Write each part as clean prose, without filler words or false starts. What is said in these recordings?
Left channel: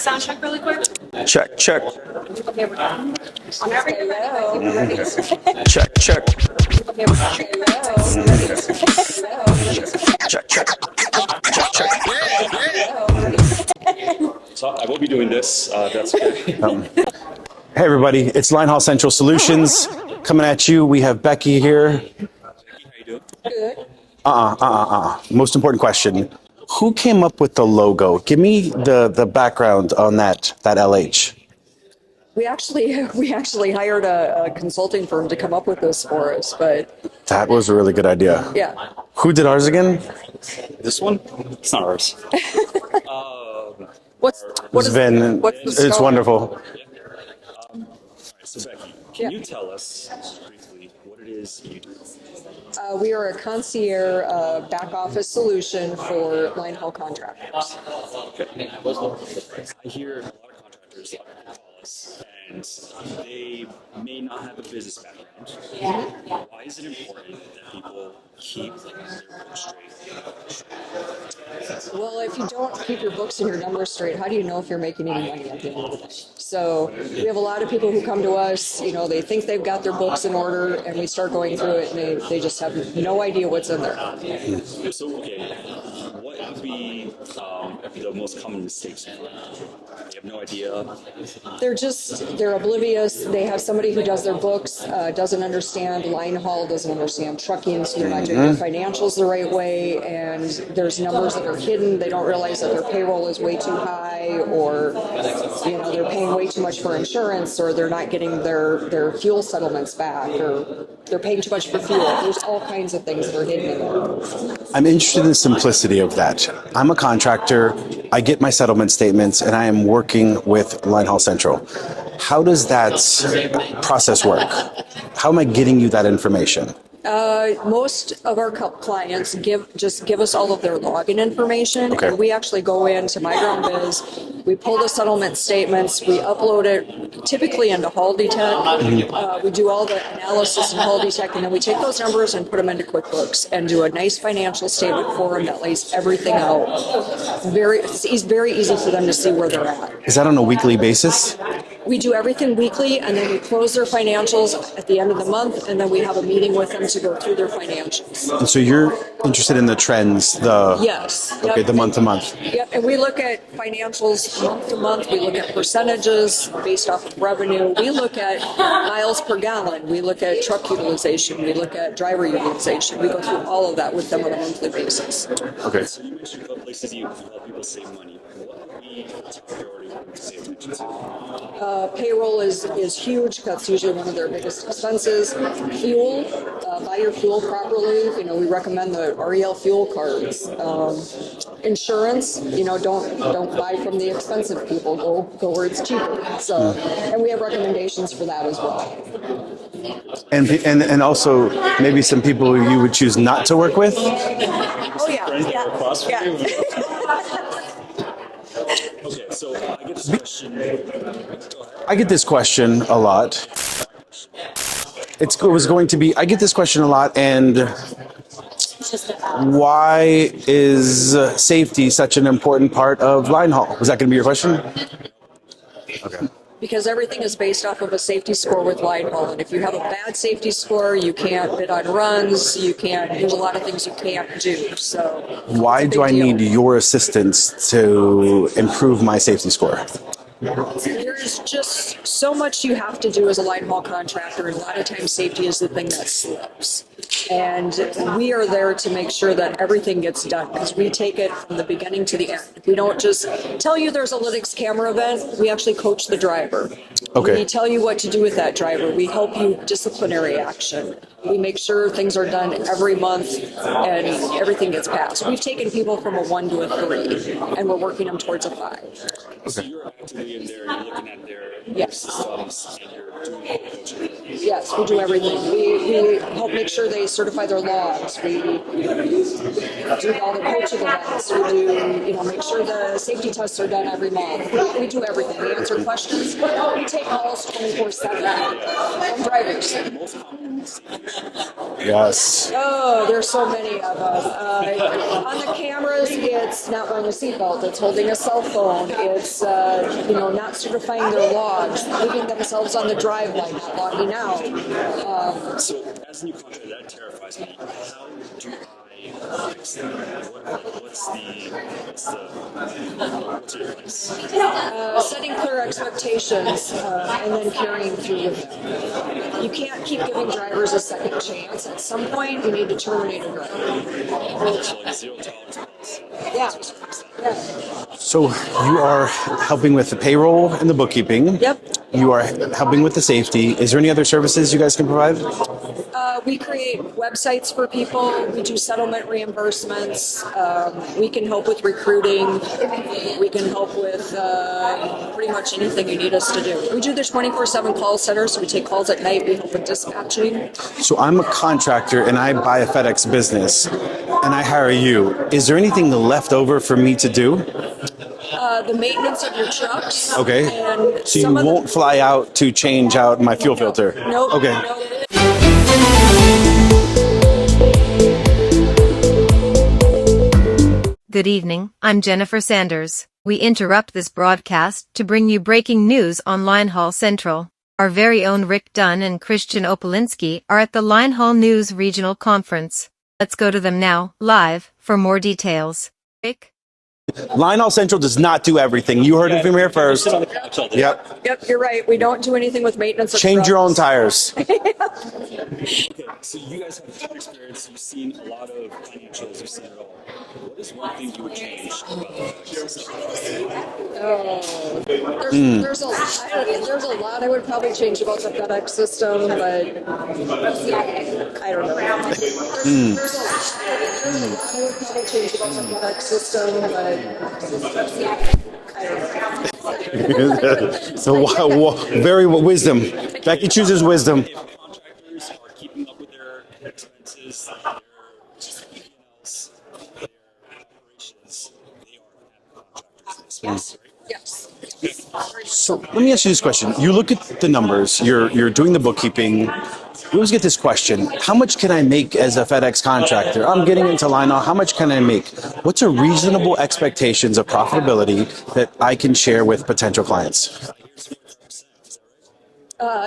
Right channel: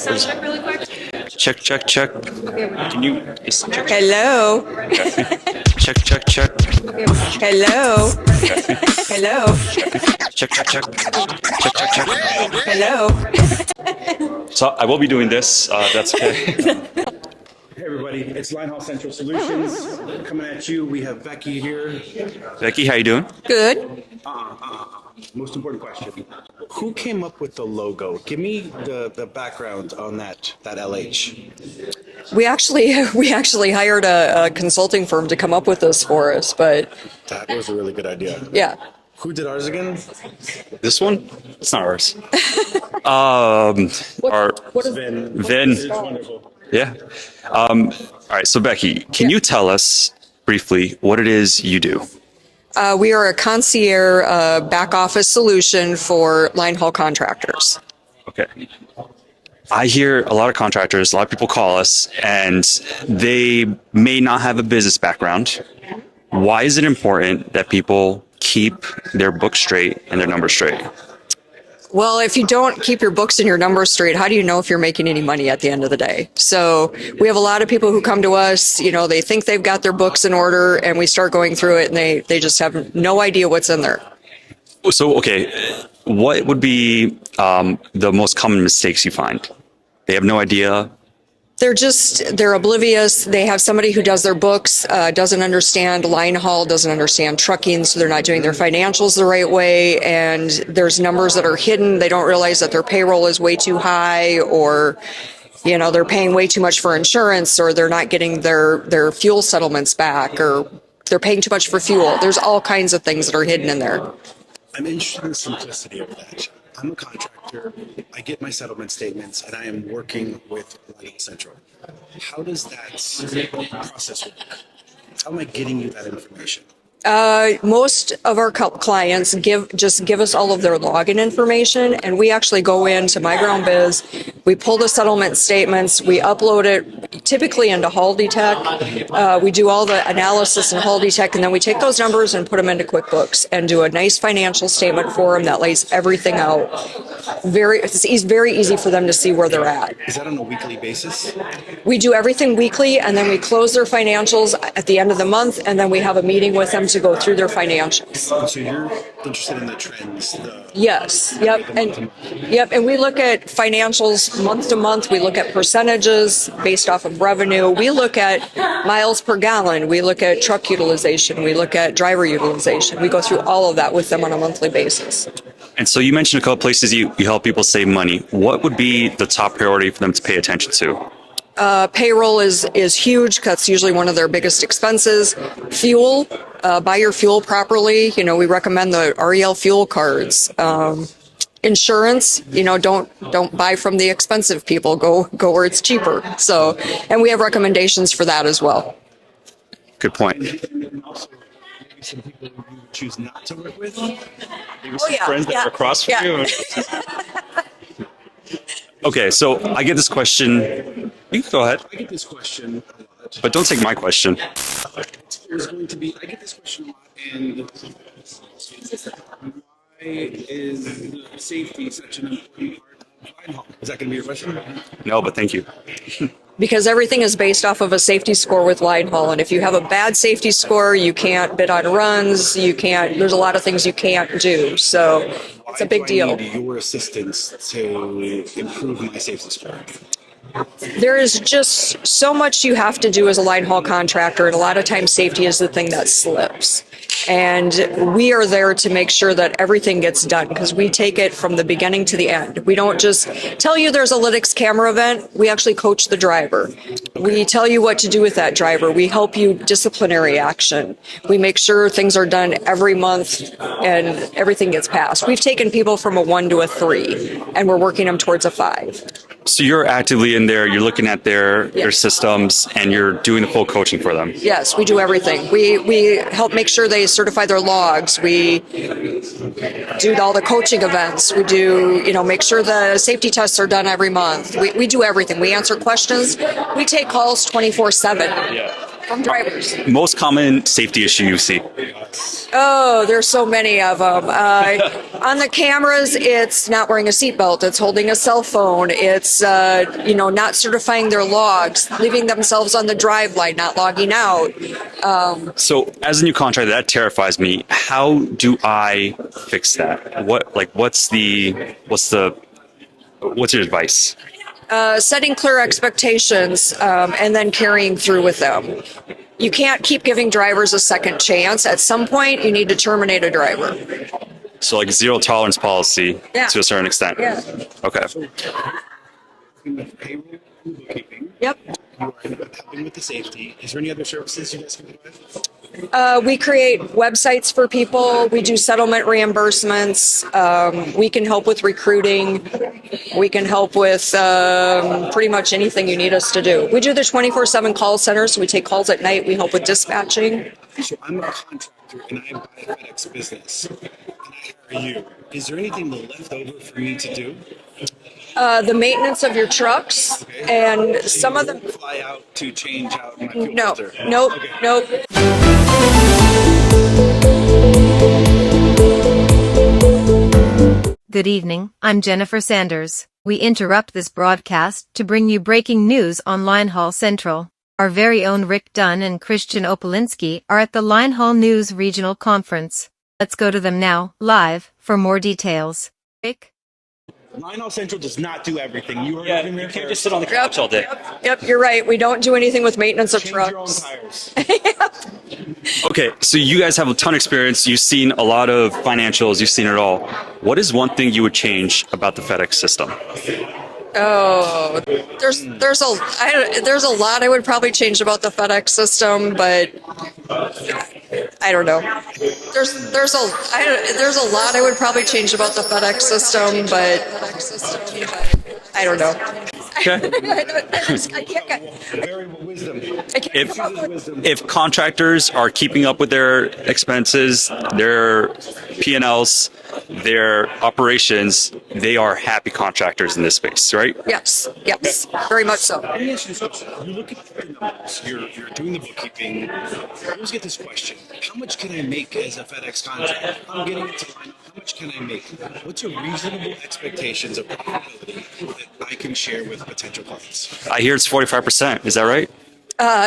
sound check really quick? Check, check, check. Okay, we're done. Can you Hello. check, check, check. Okay, we're done. Hello. Hello. Check, check, check. Check, check, check. Hello. So I will be doing this. That's okay. Hey everybody, it's Linehaul Central Solutions coming at you. We have Becky here. Becky, how you doing? Good. Most important question. Who came up with the logo? Give me the background on that LH. We actually hired a consulting firm to come up with this for us, but That was a really good idea. yeah. Who did ours again? This one? It's not ours. What is Vin. Vin. It's wonderful. Yeah. All right. So Becky, can you tell us briefly what it is you do? We are a concierge back office solution for line haul contractors. Okay. I hear a lot of contractors, a lot of people call us, and they may not have a business background. Why is it important that people keep their books straight and their numbers straight? Well, if you don't keep your books and your numbers straight, how do you know if you're making any money at the end of the day? So we have a lot of people who come to us, you know, they think they've got their books in order, and we start going through it and they just have no idea what's in there. So, okay, what would be the most common mistakes you find? They have no idea. They're oblivious. They have somebody who does their books, doesn't understand line haul, doesn't understand trucking, so they're not doing their financials the right way, and there's numbers that are hidden. They don't realize that their payroll is way too high, or you know, they're paying way too much for insurance, or they're not getting their fuel settlements back, or they're paying too much for fuel. There's all kinds of things that are hidden in there. I'm interested in the simplicity of that. I'm a contractor. I get my settlement statements, and I am working with Linehaul Central. How does that process work? How am I getting you that information? Most of our clients give us all of their login information, and we actually go into MyGroundBiz. We pull the settlement statements, we upload it typically into HaldiTech. We do all the analysis in HaldiTech, and then we take those numbers and put them into QuickBooks and do a nice financial statement for them that lays everything out. It's very easy for them to see where they're at. Is that on a weekly basis? We do everything weekly, and then we close their financials at the end of the month, and then we have a meeting with them to go through their financials. And so you're interested in the trends, Yes. Yep. Okay, the month to month. Yep, and we look at financials month to month. We look at percentages based off of revenue. We look at miles per gallon. We look at truck utilization. We look at driver utilization. We go through all of that with them on a monthly basis. Okay. So you mentioned a couple places you help people save money. What would be the top priority for them to pay attention to? Payroll is huge. That's usually one of their biggest expenses. Fuel, buy your fuel properly. You know, we recommend the REL fuel cards. Insurance, you know, don't buy from the expensive people. Go where it's cheaper. So, and we have recommendations for that as well. Good point. And also maybe some people you would choose not to work with? Oh yeah. Across from you. Okay, so I get this question. You can go ahead, I get this question a lot. but don't take my question. It was going to be, I get this question a lot, and why is safety such an important part of line haul? Was that going to be your question? No, but thank you. Okay. Because everything is based off of a safety score with line haul, and if you have a bad safety score, you can't bid on runs. There's a lot of things you can't do. So Why it's a big do I deal. need your assistance to improve my safety score? There is just so much you have to do as a line haul contractor, and a lot of times safety is the thing that slips. And we are there to make sure that everything gets done, because we take it from the beginning to the end. We don't just tell you there's a Lytics camera event. We actually coach the driver. Okay. We tell you what to do with that driver. We help you disciplinary action. We make sure things are done every month and everything gets passed. We've taken people from a 1 to a 3, and we're working them towards a 5. So you're actively in there, you're looking at their systems, and you're doing the full coaching for them. Yes, we do everything. We help make sure they certify their logs. We do all the coaching events. We do, make sure the safety tests are done every month. We do everything. We answer questions. We take calls 24/7. From drivers. Most common safety issue you see. Yes. Oh, there's so many of them. On the cameras, it's not wearing a seatbelt. It's holding a cell phone. It's not certifying their logs, leaving themselves on the drive light, not logging out. So as a new contractor, that terrifies me. How do I fix that? What's your advice? Setting clear expectations and then carrying through with them. You can't keep giving drivers a second chance. At some point, you need to terminate a driver. So like zero tolerance policy Yeah. to a certain extent. Yeah. Okay. So you are helping with the payroll and the bookkeeping. Yep. You are helping with the safety. Is there any other services you guys can provide? We create websites for people. We do settlement reimbursements. We can help with recruiting. We can help with pretty much anything you need us to do. We do the 24/7 call center, so we take calls at night. We help with dispatching. So I'm a contractor and I buy a FedEx business and I hire you. Is there anything left over for me to do? The maintenance of your trucks. Okay. And So some you of the, won't fly out to change out my fuel filter? Nope. Okay. Nope. Good evening, I'm Jennifer Sanders. We interrupt this broadcast to bring you breaking news on Linehaul Central. Our very own Rick Dunn and Christian Opolinski are at the Linehaul News Regional Conference. Let's go to them now, live, for more details. Rick? Linehaul Central does not do everything. You heard it from here first. Yep. You're right. We don't do anything with maintenance of Change your own trucks. tires. Okay, so you guys have a ton of experience. You've seen a lot of financials. You've seen it all. What is one thing you would change about the FedEx system? Oh, there's a lot I would probably change about the FedEx system, but I don't know. There's a lot I would probably change about the FedEx system, but I don't know. Okay. So very wisdom. Becky chooses wisdom. If contractors are keeping up with their expenses, their P&Ls, their operations, they are happy contractors in this space, right? Yes, very much so. Let me ask you this question. You look at the numbers, you're doing the bookkeeping. We always get this question, how much can I make as a FedEx contractor? I'm getting into Linehaul, how much can I make? What's a reasonable expectations of profitability that I can share with potential clients? I hear it's 45%. Is that right?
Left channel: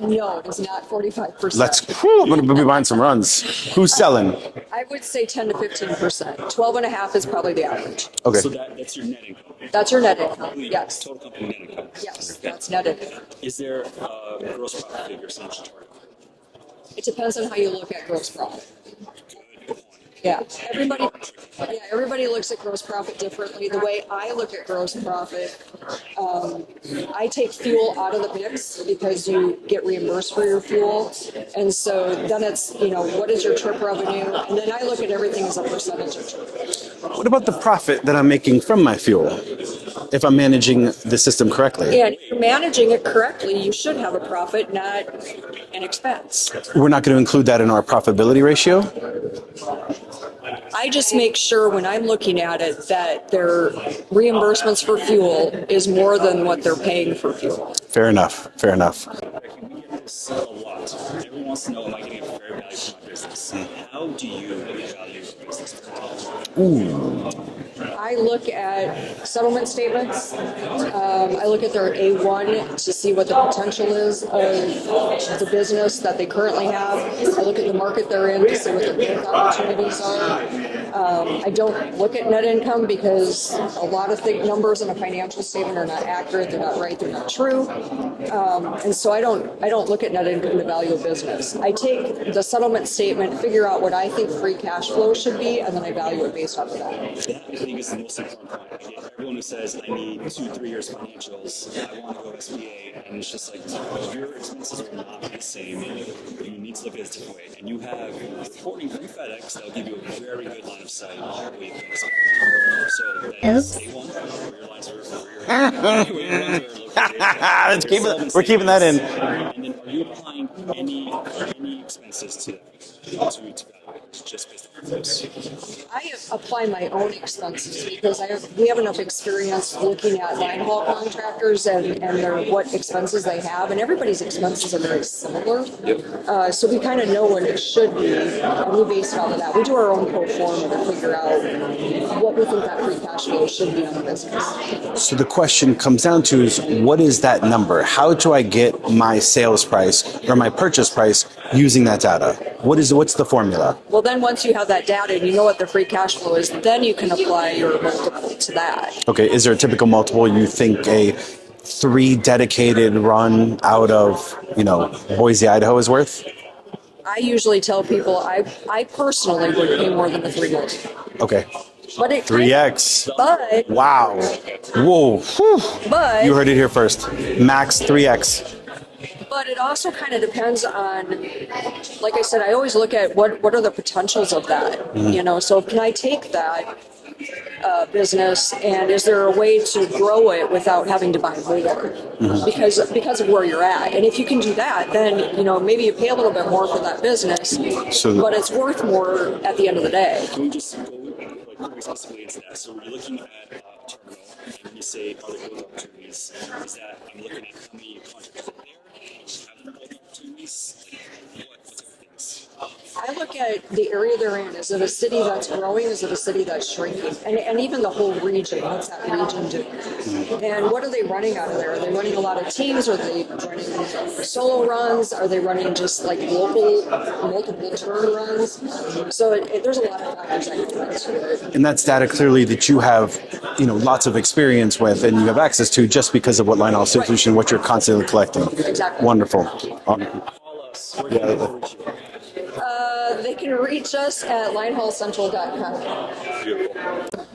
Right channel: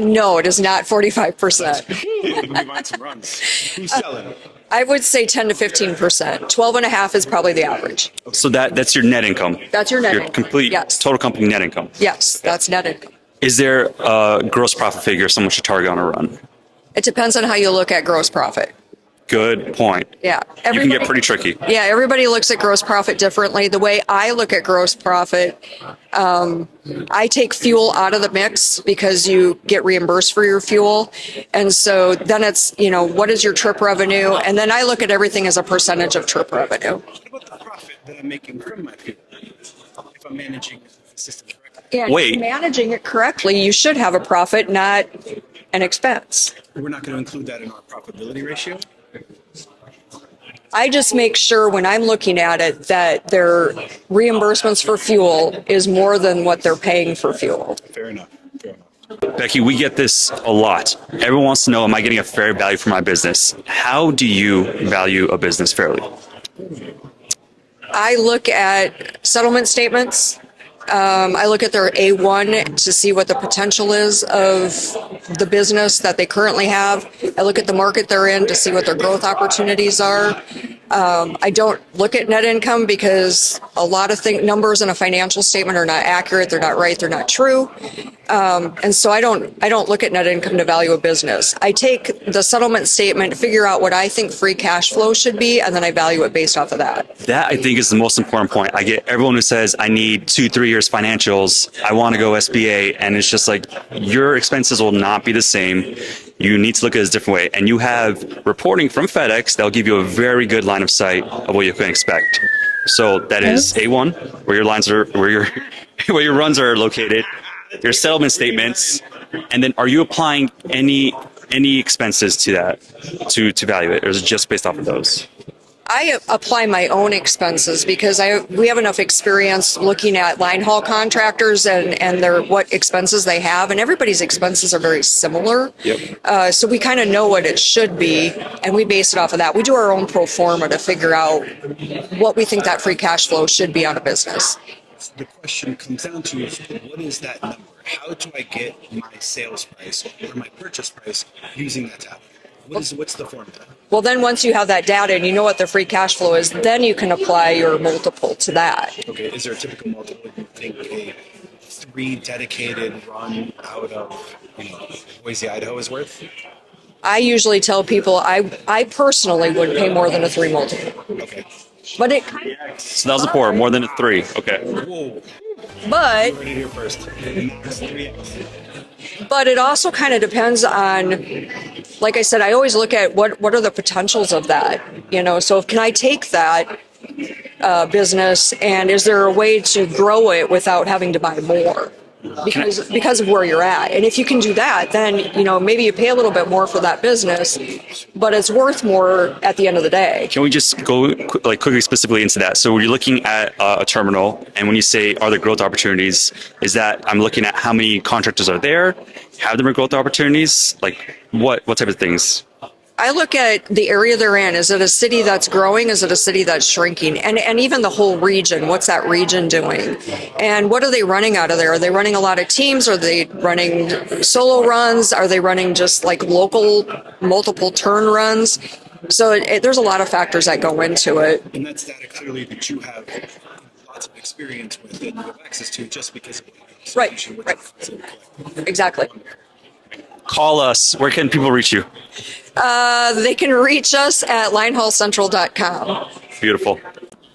No, it is not 45%. I'm going to be buying some runs. Who's selling? I would say 10 to 15%. 12 and a half is probably the average. Okay. So that's your net income. That's your net Your income. complete Yes. total company net income. Yes, that's net income. Is there a gross profit figure someone should target on a run? It depends on how you look at gross profit. Good point. Yeah. You can get pretty tricky. Yeah, everybody looks at gross profit differently. The way I look at gross profit, I take fuel out of the mix because you get reimbursed for your fuel. And so then it's, what is your trip revenue? And then I look at everything as a percentage of trip revenue. What about the profit that I'm making from my fuel? If I'm managing the system correctly. And Wait. if you're managing it correctly, you should have a profit, not an expense. We're not going to include that in our profitability ratio? I just make sure when I'm looking at it that their reimbursements for fuel is more than what they're paying for fuel. Fair enough. Becky, we get this a lot. Everyone wants to know, am I getting a fair value for my business? How do you value a business fairly? I look at settlement statements. I look at their A1 to see what the potential is of the business that they currently have. I look at the market they're in to see what their growth opportunities are. I don't look at net income because a lot of numbers in a financial statement are not accurate, they're not right, they're not true. And so I don't look at net income to value a business. I take the settlement statement, figure out what I think free cash flow should be, and then I value it based off of that. That, I think, is the most important point. I get everyone who says, I need 2-3 years financials, I want to go SBA, and it's just like, your expenses will not be the same. You need to look at it a different way. And you have reporting from FedEx that'll give you a very good line of sight of what you can expect. So that is A1, where your lines are, where your runs are located, your settlement statements, and then are you applying any expenses to that to value it, or is it just based off of those? I apply my own expenses because we have enough experience looking at line haul contractors and their what expenses they have, and everybody's expenses are very similar. Yep. So we kind of know what it should be, and we base it off of that. We do our own pro forma to figure out what we think that free cash flow should be on a business. So the question comes down to is what is that number? How do I get my sales price or my purchase price using that data? What's the formula? Well, then once you have that data and you know what the free cash flow is, then you can apply your multiple to that. Okay, is there a typical multiple you think a 3 dedicated run out of, Boise, Idaho is worth? I usually tell people I personally would pay more than a 3 multiple. Okay. But it 3x. That was a 4, more than Wow. a 3. Okay. Whoa. Whew. But You heard it here first. Max 3x. But it also kind of depends on, like I said, I always look at what are the potentials of that, So can I take that business and is there a way to grow it without having to buy more? Because of where you're at. And if you can do that, then, maybe you pay a little bit more for that business, but it's worth more at the end of the day. Can we just go quickly specifically into that? So when you're looking at a terminal, and when you say, are there growth opportunities, is that I'm looking at how many contractors are there, have there been growth opportunities? Like what type of things? I look at the area they're in. Is it a city that's growing? Is it a city that's shrinking? And even the whole region, what's that region doing? And what are they running out of there? Are they running a lot of teams? Are they running solo runs? Are they running just like local multiple turn runs? So there's a lot of factors that go into it. And that's data clearly that you have, lots of experience with and you have access to just because of what Linehaul Solution, what you're constantly collecting. Exactly. Wonderful. Call us. Where can people reach you? They can reach us at linehaulcentral.com. Beautiful.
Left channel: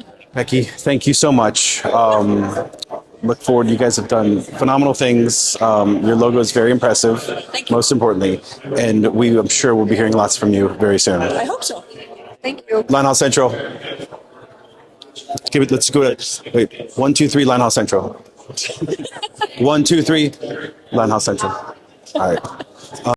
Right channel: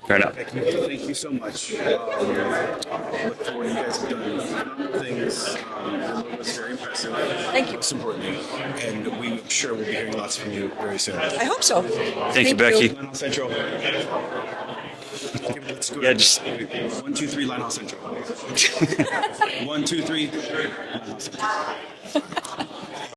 Fair enough. Becky, thank you so much. Look forward. You guys have done phenomenal things. Your logo is very impressive. Thank you. Most importantly. And I'm sure we'll be hearing lots from you very soon. I hope so. Thank you, Becky. Linehaul Central. Let's go ahead. Wait. 1, 2, 3, Linehaul Central. 1, 2, 3, Linehaul Central. All right.